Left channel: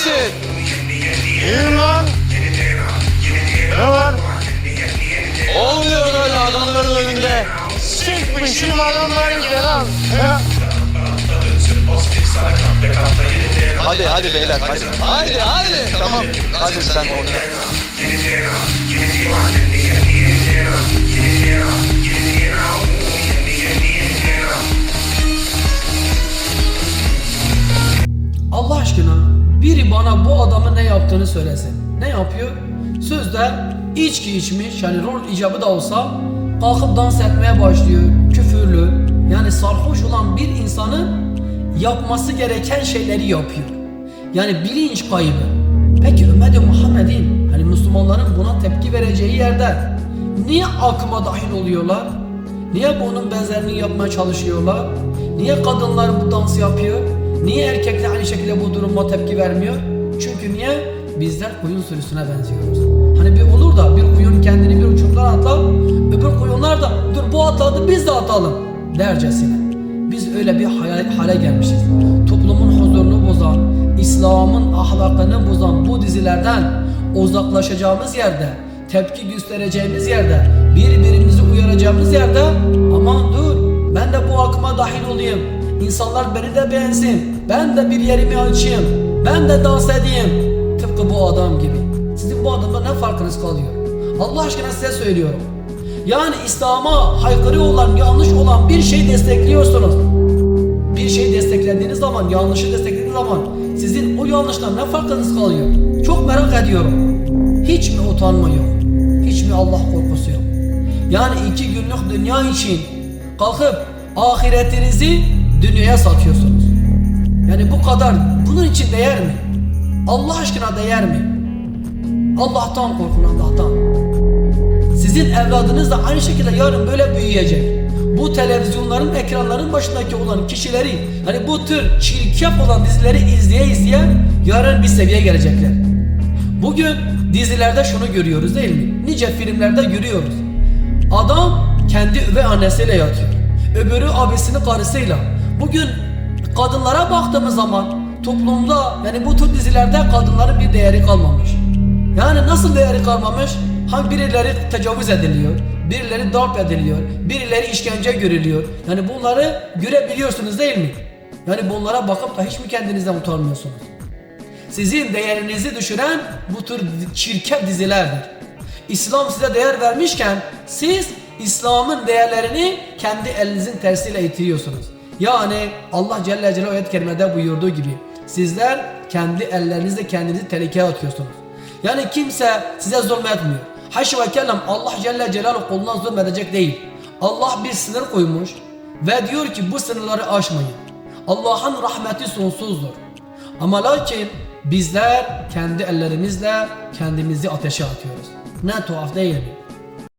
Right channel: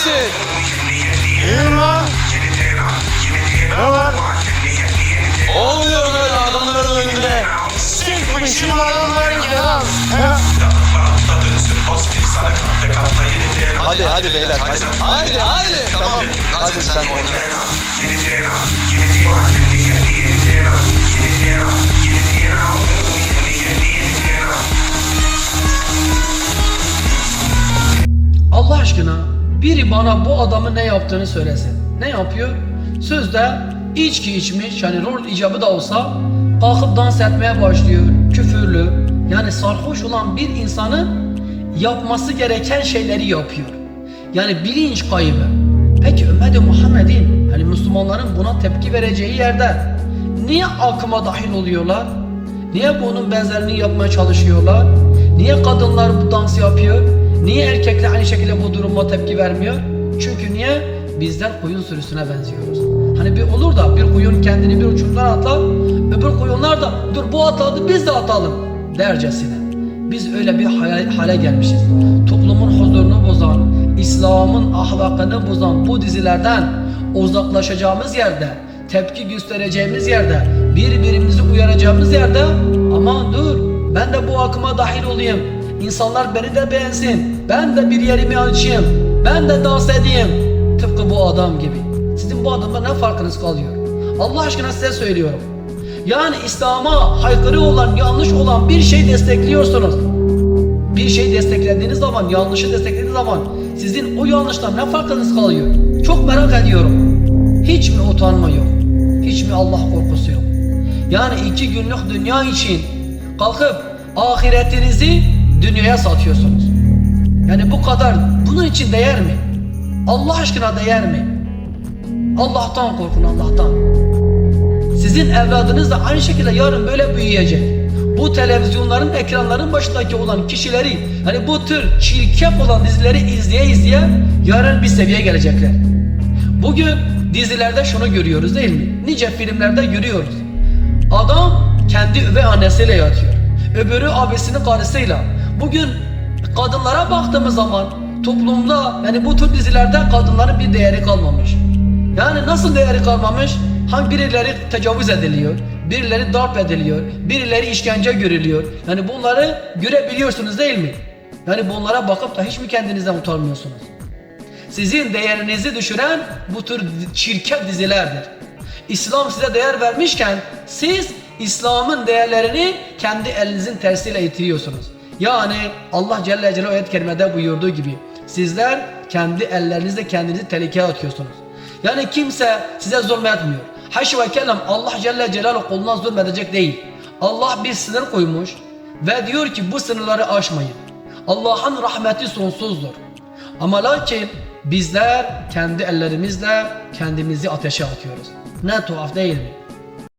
misin? İyiyim lan. Ne var? Olmuyor böyle adamların önünde. Sıkmışım adamların kelam. Hadi hadi beyler hadi. Hadi hadi. Tamam. Hadi sen oyna. Allah aşkına biri bana bu adamın ne yaptığını söylesin. Ne yapıyor? Sözde içki içmiş yani rol icabı da olsa kalkıp dans etmeye başlıyor. Küfürlü yani sarhoş olan bir insanın yapması gereken şeyleri yapıyor. Yani bilinç kaybı. Peki ümmeti Muhammed'in hani Müslümanların buna tepki vereceği yerde niye akıma dahil oluyorlar? Niye bunun benzerini yapmaya çalışıyorlar? Niye kadınlar bu dans yapıyor? Niye erkekler aynı şekilde bu duruma tepki vermiyor? Çünkü niye? Bizler koyun sürüsüne benziyoruz. Hani bir olur da bir koyun kendini bir uçumdan atlar, öbür koyunlar da dur bu atladı biz de atalım dercesine. Biz öyle bir hale, hale gelmişiz. Toplumun huzurunu bozan, İslam'ın ahlakını bozan bu dizilerden uzaklaşacağımız yerde, tepki göstereceğimiz yerde, birbirimizi uyaracağımız yerde aman dur ben de bu akıma dahil olayım. İnsanlar beni de beğensin. Ben de bir yerimi açayım. Ben de dans edeyim. Tıpkı bu adam gibi. Sizin bu adamla ne farkınız kalıyor? Allah aşkına size söylüyorum. Yani İslam'a haykırı olan, yanlış olan bir şey destekliyorsunuz. Bir şey desteklediğiniz zaman, yanlışı desteklediğiniz zaman sizin o yanlıştan ne farkınız kalıyor? Çok merak ediyorum. Hiç mi utanma yok? Hiç mi Allah korkusu yok? Yani iki günlük dünya için kalkıp ahiretinizi dünyaya satıyorsunuz. Yani bu kadar bunun için değer mi? Allah aşkına değer mi? Allah'tan korkun Allah'tan. Sizin evladınız da aynı şekilde yarın böyle büyüyecek. Bu televizyonların, ekranların başındaki olan kişileri, hani bu tür çirkef olan dizileri izleye izleye yarın bir seviyeye gelecekler. Bugün dizilerde şunu görüyoruz değil mi? Nice filmlerde görüyoruz. Adam kendi üvey annesiyle yatıyor. Öbürü abisinin karısıyla. Bugün kadınlara baktığımız zaman toplumda yani bu tür dizilerde kadınların bir değeri kalmamış. Yani nasıl değeri kalmamış? Hangi birileri tecavüz ediliyor, birileri darp ediliyor, birileri işkence görülüyor. Yani bunları görebiliyorsunuz değil mi? Yani bunlara bakıp da hiç mi kendinizden utanmıyorsunuz? Sizin değerinizi düşüren bu tür çirkef dizilerdir. İslam size değer vermişken siz İslam'ın değerlerini kendi elinizin tersiyle itiriyorsunuz. Yani Allah Celle Celaluhu ayet-i kerimede buyurduğu gibi sizler kendi ellerinizle kendinizi tehlikeye atıyorsunuz. Yani kimse size zulmetmiyor. Haşi ve kellem Allah Celle Celaluhu kuluna zulmedecek değil. Allah bir sınır koymuş ve diyor ki bu sınırları aşmayın. Allah'ın rahmeti sonsuzdur. Ama lakin bizler kendi ellerimizle kendimizi ateşe atıyoruz. Ne tuhaf değil mi?